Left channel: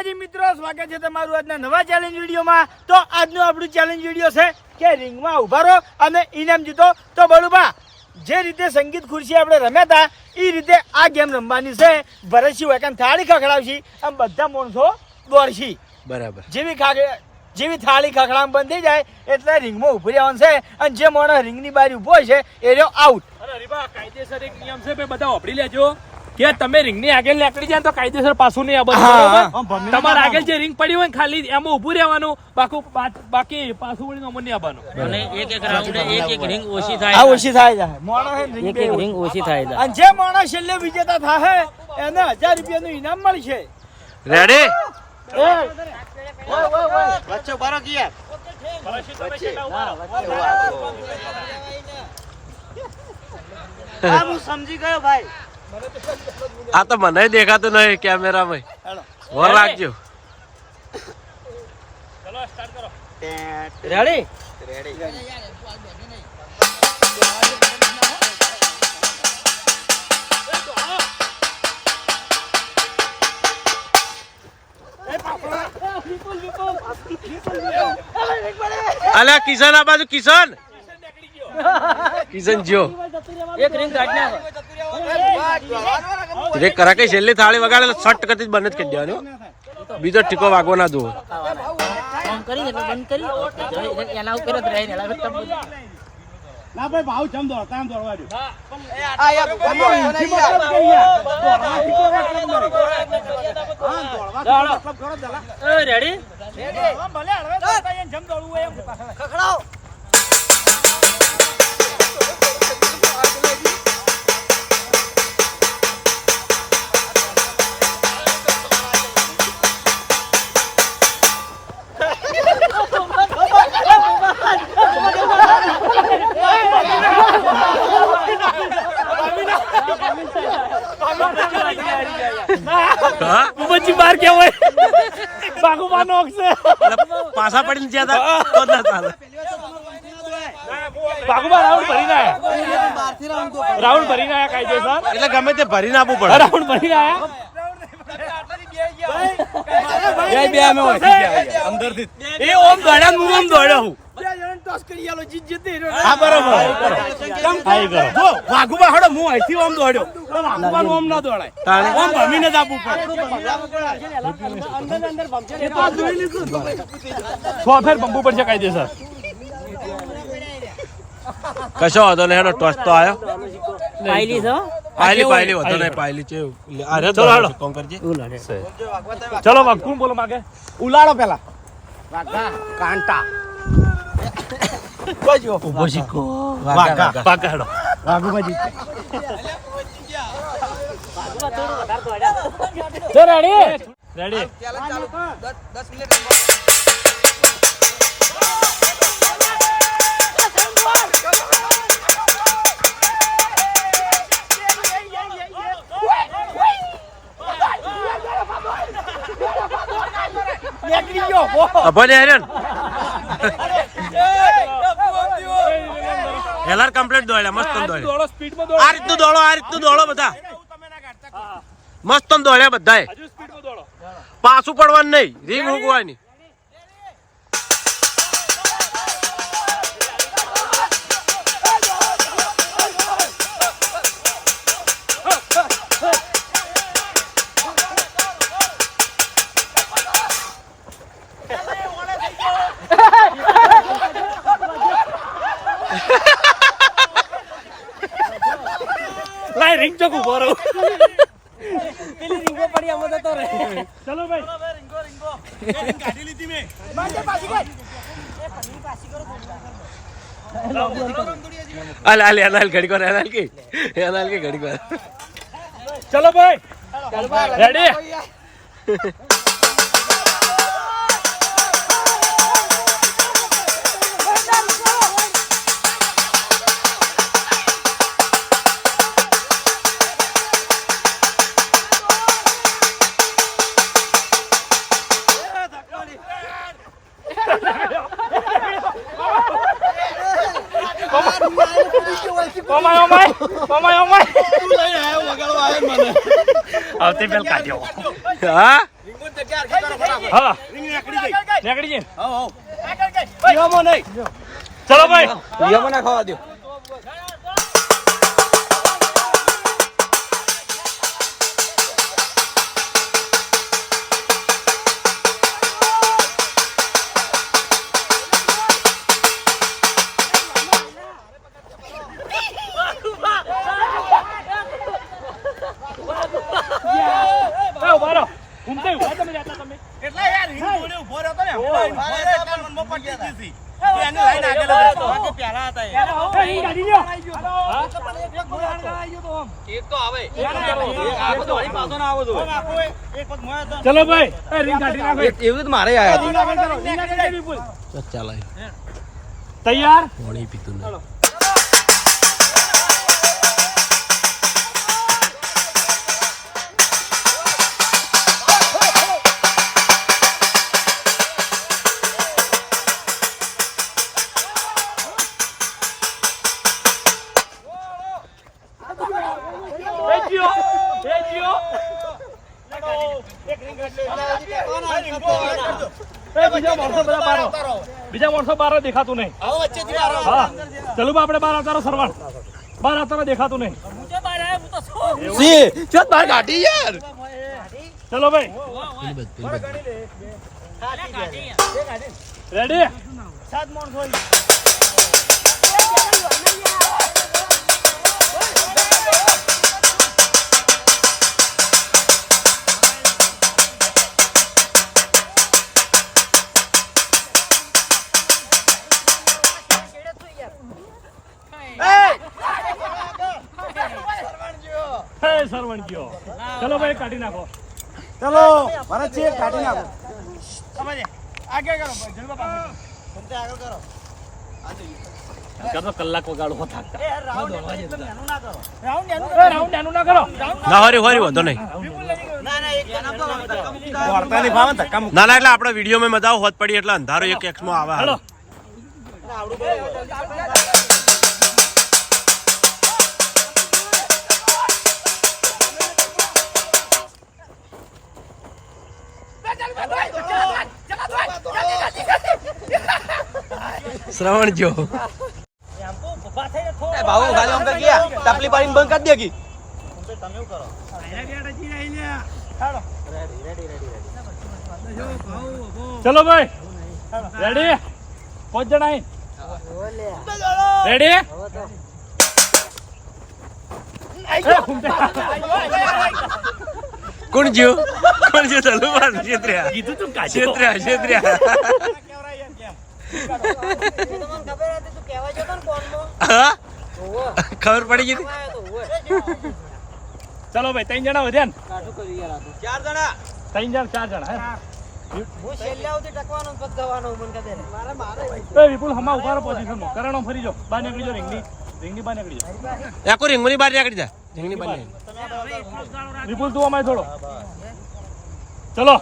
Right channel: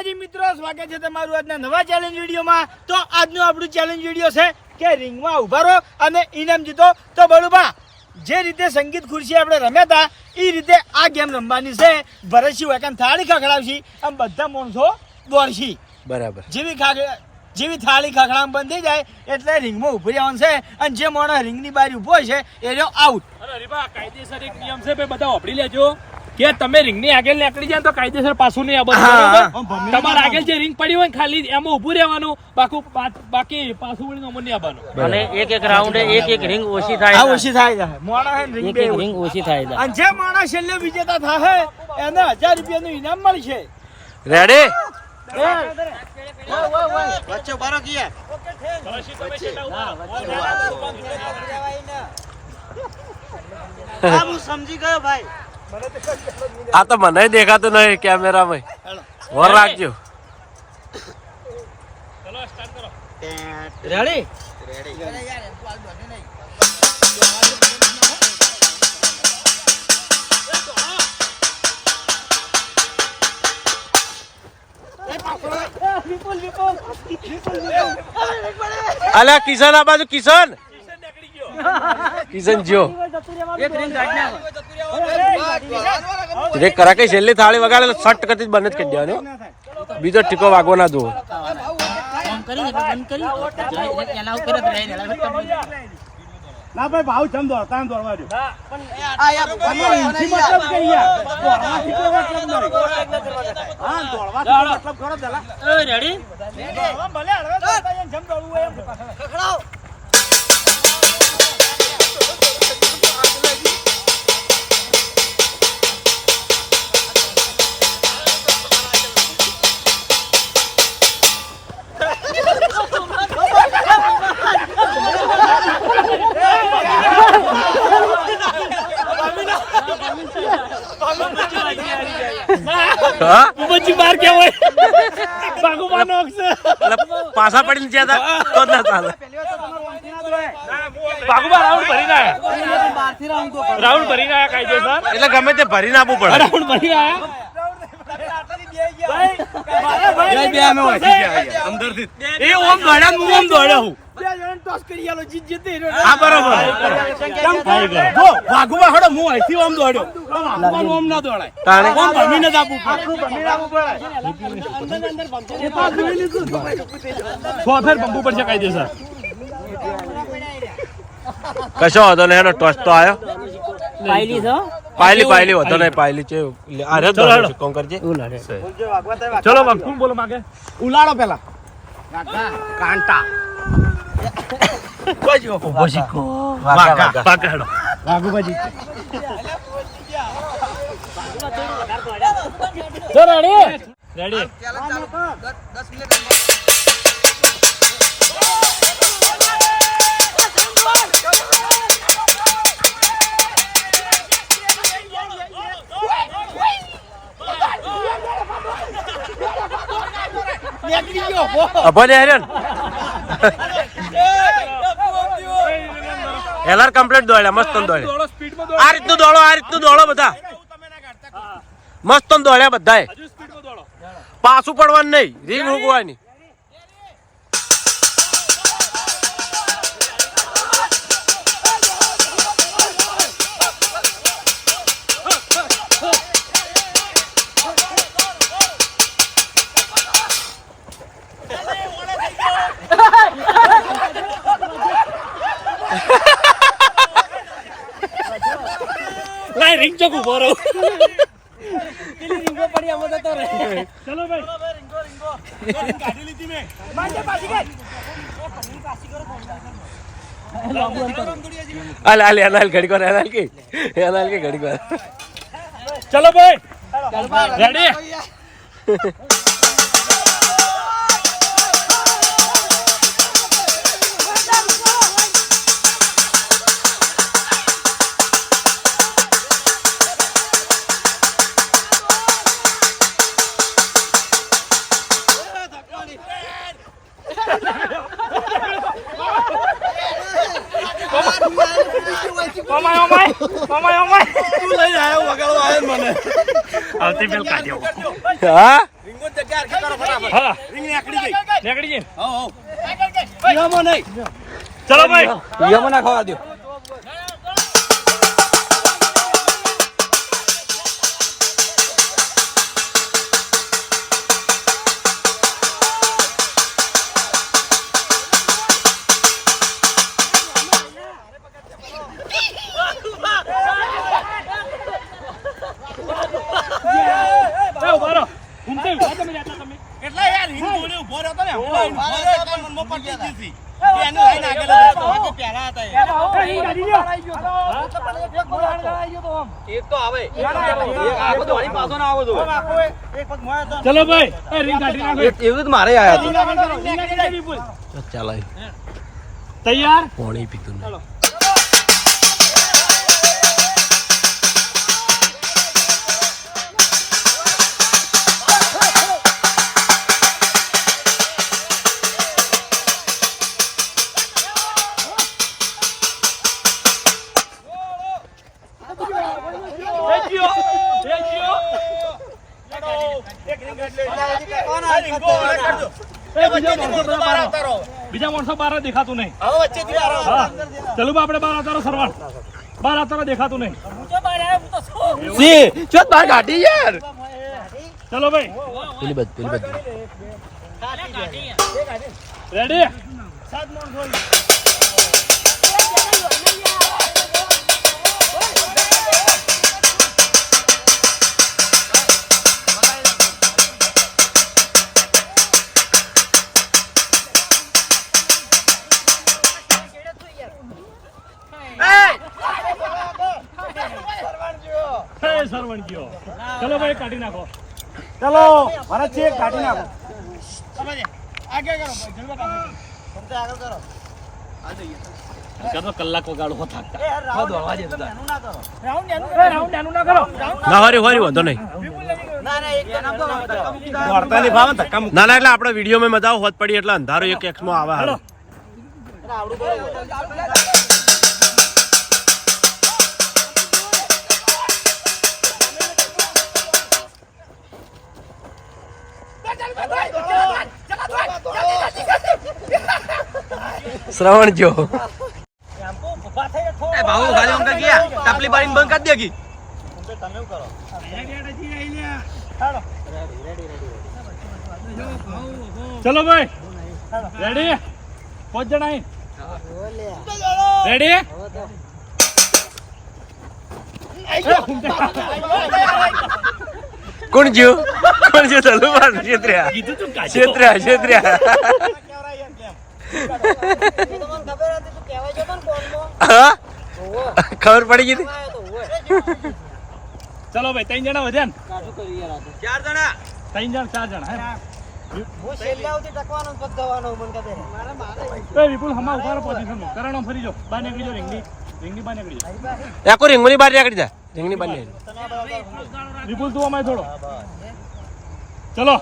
માતાજી મિત્રો, સ્વાગત છે તમારું આજના નવા ચેલેન્જ વિડીયોમાં। તો આજનો આપણું ચેલેન્જ વિડીયો છે કે રિંગમાં ઉભા રહો અને ઇનામ જીતો। તો બળુબા, જે રીતે સંગીત ખુરશી આપણે રમ્યા હતા એ રીતે આ ગેમ રમવાની છે। ભરતસિંહ વાકન થાળી ખખડાવશી અને બધા માણસો દોડશી। બરાબર। જેવી થાળી ખખડામ બંધ થઈ જાય એટલે રિંગમાં ઉભી રહેવાનું છે અને જે માણસ રિંગની બહાર ઉભો છે એ રહ્યો આઉટ। અરે રીબા, કાયદેસર એક નિયમ છે, બધા વાપરી લેજો કે તમે રિંગની આગળ નીકળી જાય તો કાયદેસર પાછું નહીં આવવાનું, બરોબર? તમારા આગળ જે રિંગ પડી હોય ખાલી એમાં ઊભું રહેવાનું, બાકી પાછું વળીને અમર નહીં આવવાનું। અને એક રાઉન્ડ એક રિંગ ઓછી થાય આ ઓછી થાય એક રિંગ ઓછી થાય અને જે માણસ છેલ્લે વિજેતા થાય એને 1000 રૂપિયાનું ઇનામ મળશે। રેડી? સમજી ગયો ભાઈ। આ તો મને દેખાતું નહીં કેમેરામાં, વર રાખજો। રેડી? અલ્યા કિશન, આ બાજુ કિશન જો રે કરા કે છેલ્લી થાળી વગાડે સટ કતી બંધ જ કરી દેવાનો, બીજો ટીકો વાગવો ના દો। ના ભાઈ, ભાવ જમ દોડતા એમ દોડવા દો। તમારો ઊંચી મતલબ કે યાર દોડવાથી કોઈ મતલબ નહીં। હા, દોડવાથી મતલબ કરો દલા। એ રેડી? ભલે હળવે દોડતા એમ જમ દોડવું હોય એમ ખખડાવ। બાર કેવાય બાગુબા નોક છે, પાછા પડીને જ્યાં તો ના ચાલે। બાગુબા રાઉન્ડ ભરીને આયા, રાઉન્ડ ભરીને આયા કાયદેસર, એટલે ગમે તે ભરીને આપવું પડે। રાઉન્ડ ભરીને આયા એ ઓમ દોડ્યા, હું ઓમ દોડ્યો હું। વાઘુબા હડો હું અહીંથી ઓમ દોડ્યો, વાઘુબા ઓમ ના દોડાય, ઓમ ભમીને જ આપવું પડે। ફેર પંપુ પડશે કાયદેસર। કશો વાંધો નહીં, એનો ટોસ તો આવ્યો। પાયલી છો પાયલી વાંધો નહીં, પાયલી છે। કોણ કરજે? ચલો વાઘ, કોણ બોલો માગે? ઉલાડો પેલા કાંટા ઉભો શીખો, વાઘા હેડો। વાઘુબાજી જો રેડી? રેડી? ભલે હેરન હેલર કમ્પ્લીટ દોડ્યા, મસ્ત દોડ્યા। આ રીતનું દોડો બધા, મસ્ત દોડ્યા બધાએ। પાછું પડવાનું નહીં, રીંગ મૂકવાની। લાય રિંગ ચોક ઉભો રહો। પેલી રિંગો પડી આમ તો રે। ચલો ભાઈ, કાઢી લીધી મે મારી પાછી ગઈ અલાલ ઘડી વાર, અલાલ કે ઘડી વાર। ચલો ભાઈ, રેડી? તું લઈ આવ્યો વગાડવા આવ્યો મને આવતી પેલ કાઢ્યો હા રીંગો જગ્યા હા નીકળી ગઈ નીકળી ગઈ આગળ ગઈ પીવામાં નહીં ચલો ભાઈ પીવામાં ના ખાવા દો ઉભા રહો ઊંઘતે ઉભા તમે જાતા તમે એટલે યાર હિંગ જોડે ઉભો રહ્યો તો ને મનમાં પટી દીધી કે એને લઈને આગળ હતો બાકી પહેલા હતા એ ગાડી લ્યો એક તો આવે ચલો ભાઈ એ રિંગ કાઢી નાખો એવું જ મારે આયા ચાલ તૈયાર પાણી પીતું નહીં. બીજા વર્ષો બાર દેખાતું નહીં હવે વચ્ચેથી આરામ હા ચલો આપણે બાર આવતારો સરવાળ બાર આવતારો દેખાતું નહીં સી ચો તાર ગાડી યાર ચલો ભાઈ પેલી બધ રેડી સરવણ ગયો ચલો ભાઈ કાઢી નાખો ચલો ભરત છે કાઢી નાખો સમજે આગળ કરો જલવા પાસે કરતો કલાક વગાડો હો થાકતા રાઉન્ડ રાઉન્ડ ના કરો ના હરી વાંધો નહીં. ના ના એટલે આપણે વિડીયોમાં મજા હોત પડી એટલે અંધારો એક એક્સમાં આવે હાલો. શ્રવણ જો ભાવ ખાલી અમને ગયા ટપલી પાડીને બંધ કરી દેગી ચલો ભાઈ રેડી 5 જણા રેડી કોણ જ્યો ચાલુ માર છેત્ર્યા કીધું તું છેત્ર્યા હા ખબર પડી ગઈ હતી? ચલો ભાઈ 3 જણા વધ્યા ને કાઠું કરી યાર આ તો 4 જણા 3 જણ 4 જણા હે હું છેલ્લે આવતી ટકવાનો પગ દવાનો મન કહે મારે એ વિપુલ હમા ઉભારો પોઝિશન કરણો ફરી જો બહાર નીકળી જો રિંગની બહાર નીકળી જા એકો રીંગની બહાર નીકળી જા રીંગની બહાર નીકળી. વિપુલ તું અમારે થોડો ચલો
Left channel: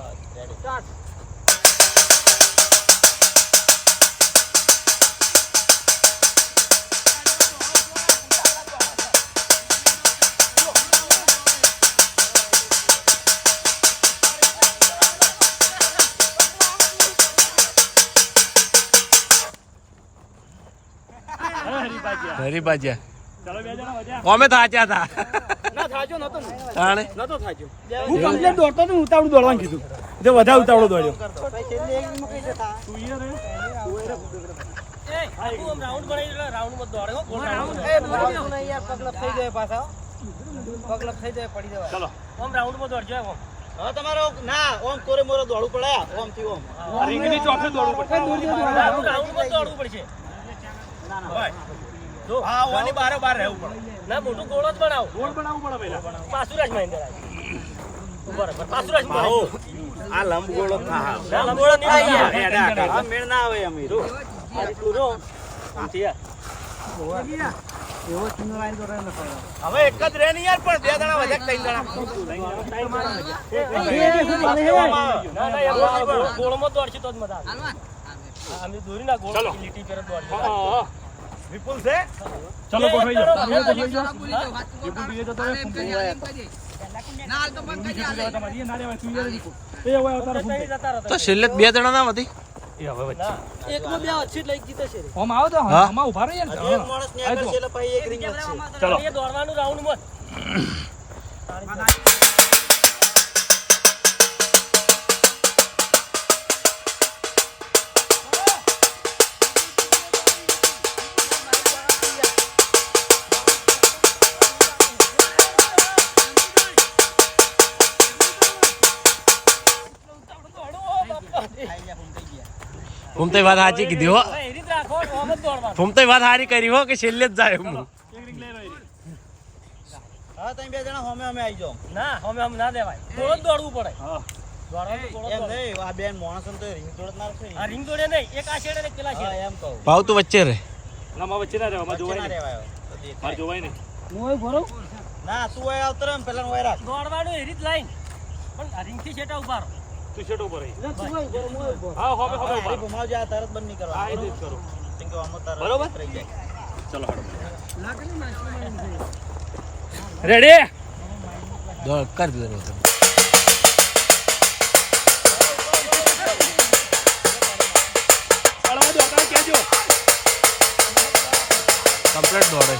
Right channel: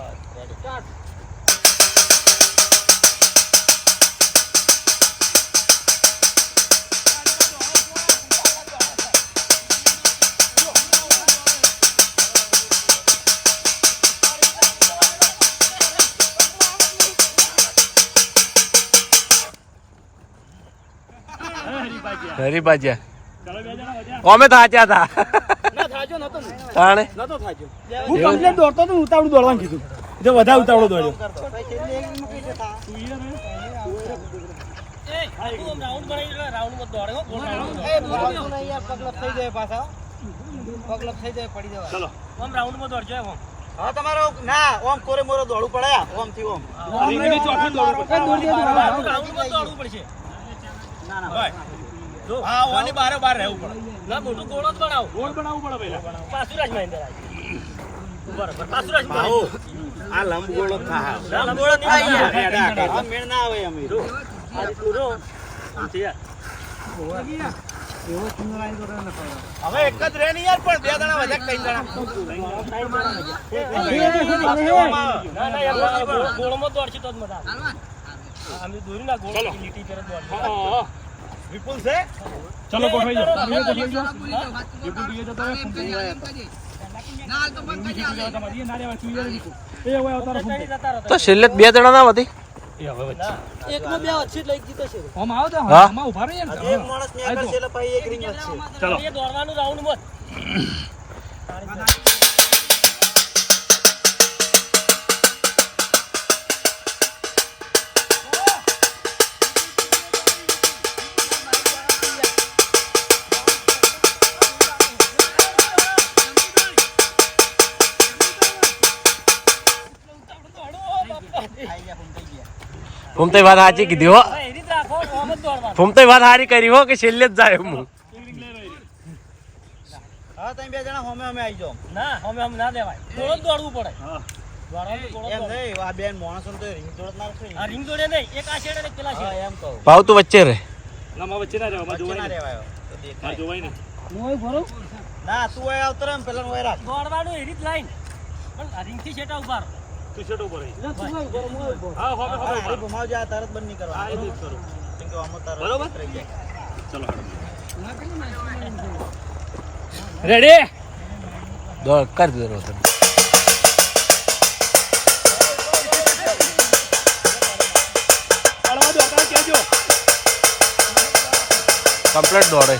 હરી બાજ્યા ચલો 2 જણા વધ્યા અમે થાચ્યા હતા ના થાજો નતો ને તાણે નતો થાજો હું કમ્પ્લેટ દોડતો તો ઉતાવળું દોડવાનું કીધું જો વધારે ઉતાવળો દોડ્યો તું યાર રાઉન્ડ બનાવી રાઉન્ડ માં દોડે હો રાઉન્ડ યાર પગલપ થઈ જાય પાછા પગલપ થઈ જાય પડી જવાય ચલો ઓમ રાઉન્ડ માં દોડજો ઓમ હા તમારો ના ઓમ કોરે મોરે દોડવું પડે ઓમ થી ઓમ રિંગની ચોથી દોડવું પડશે રાઉન્ડ માં દોડવું પડશે ના ના ભાઈ હા ઓની બારે બાર રહેવું પડે ના મોટું ગોળ જ બનાવો ગોળ બનાવવું પડે પહેલા પાસુરાજ મહેન્દ્ર બરાબર પાસુરાજ ભાઉ આ લંબ ગોળો થા રામ ગોળ નહીં એડા આ મેળ ના આવે અમે જો આ પૂરો આથી હવે એક જ રે ને યાર પણ 2 જણા વધ્યા 3 જણા ના ના યાર ગોળમાં દોડશે તો જ મજા આવે અમે દોરી ના ગોળ લીટી કરે દોડશે હા વિપુલ છે ચલો ગોઠવાઈ જાઓ તમે ગોઠવાઈ જાઓ વિપુલ બીજો જતો રહે તમારી ના રહેવાય, તું યાર નીકળ. એ હવે અવતારો ફૂંકે. જતા રહો તો છેલ્લે 2 જણા ના વધી એ હવે વચ્ચે. એકમાં બે વચ્ચે જ લઈ દીધો છે આમ આવો તો હા. આમાં ઉભા રહીએ ને. એક હા. માણસ ને આઈ આગળ જો. છે એટલે પછી એક ring વચ્ચે. ચલો. એ દોડવાનું રાઉન્ડ મત ફૂમતે વાત સાચી કીધી હો. એ રીત રાખો આમ જ દોડવાનું ફૂમતે વાત સારી કરી હો કે છેલ્લે જ જાય હું. હા તમે 2 જણા હોમે અમે આવી જાઓ ના અમે ના દેવાય થોડો જ દોડવું પડે દોડવાનું થોડો જ એમ દોડવું. નહીં આ બેન માણસો તો રિંગ તોડ ના રાખે આ ring દોડે નહીં એક આ છેડે ને એક પેલા હા છેડે એમ કહું ભાવ તું વચ્ચે રહે. ના, માં વચ્ચે ના રહેવા, માં વચ્ચે જોવાય ના ને. રહેવાય તો દેખાય. હા, જોવાય ને. ના તું ઓય આવતો રહે પેલા ઓય રાખ દોડવાનું એ રીત લાઈન પણ આ ring થી છેટા ઉભા રહો તું શેઠ ઉપર રહી. તું હોય ઉભો રહો, હું ઉભો રહો. હા, હવે હા, હવે હારી ઘુમાવજે આ તરત બંધ નહીં હા, એ જ કરવાનું કરું. કેમ કે આમાં તરત બરોબર? રહી જાય ચલો રેડી. દોડ કર દો તમે. અળવા દો, તમે કહેજો. કમ્પ્લીટ દોડે.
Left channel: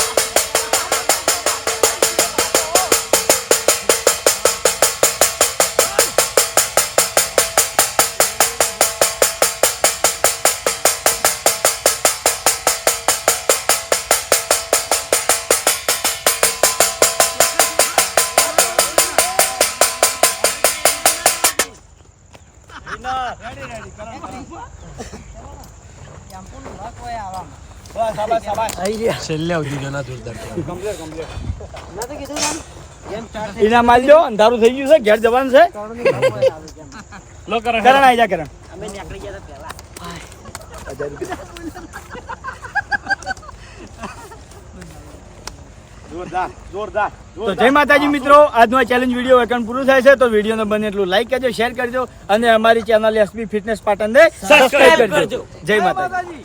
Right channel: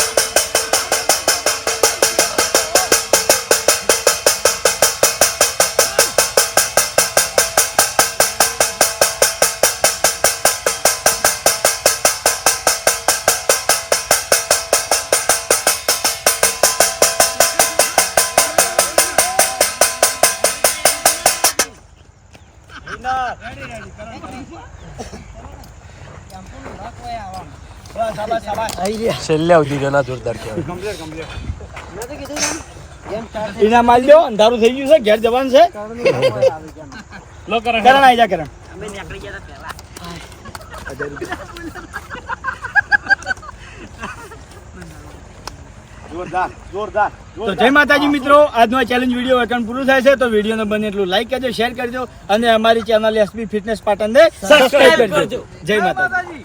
છેલ્લે સુધી જણા જોરદાર કહેવાય. એના માલ દો અંધારું થઈ ગયું છે ઘેર જવાનું છે લો કરે. કરણ આવી જા કરણ જોરદાર જોરદાર તો જય માતાજી મિત્રો, આજનો આ ચેલેન્જ વિડીયો વેકન પૂરું થાય છે. તો વિડીયોને બને એટલું લાઈક કરજો, શેર કરજો અને અમારી ચેનલ એસબી ફિટનેસ પાટણને સબસ્ક્રાઇબ કરજો. જય માતાજી.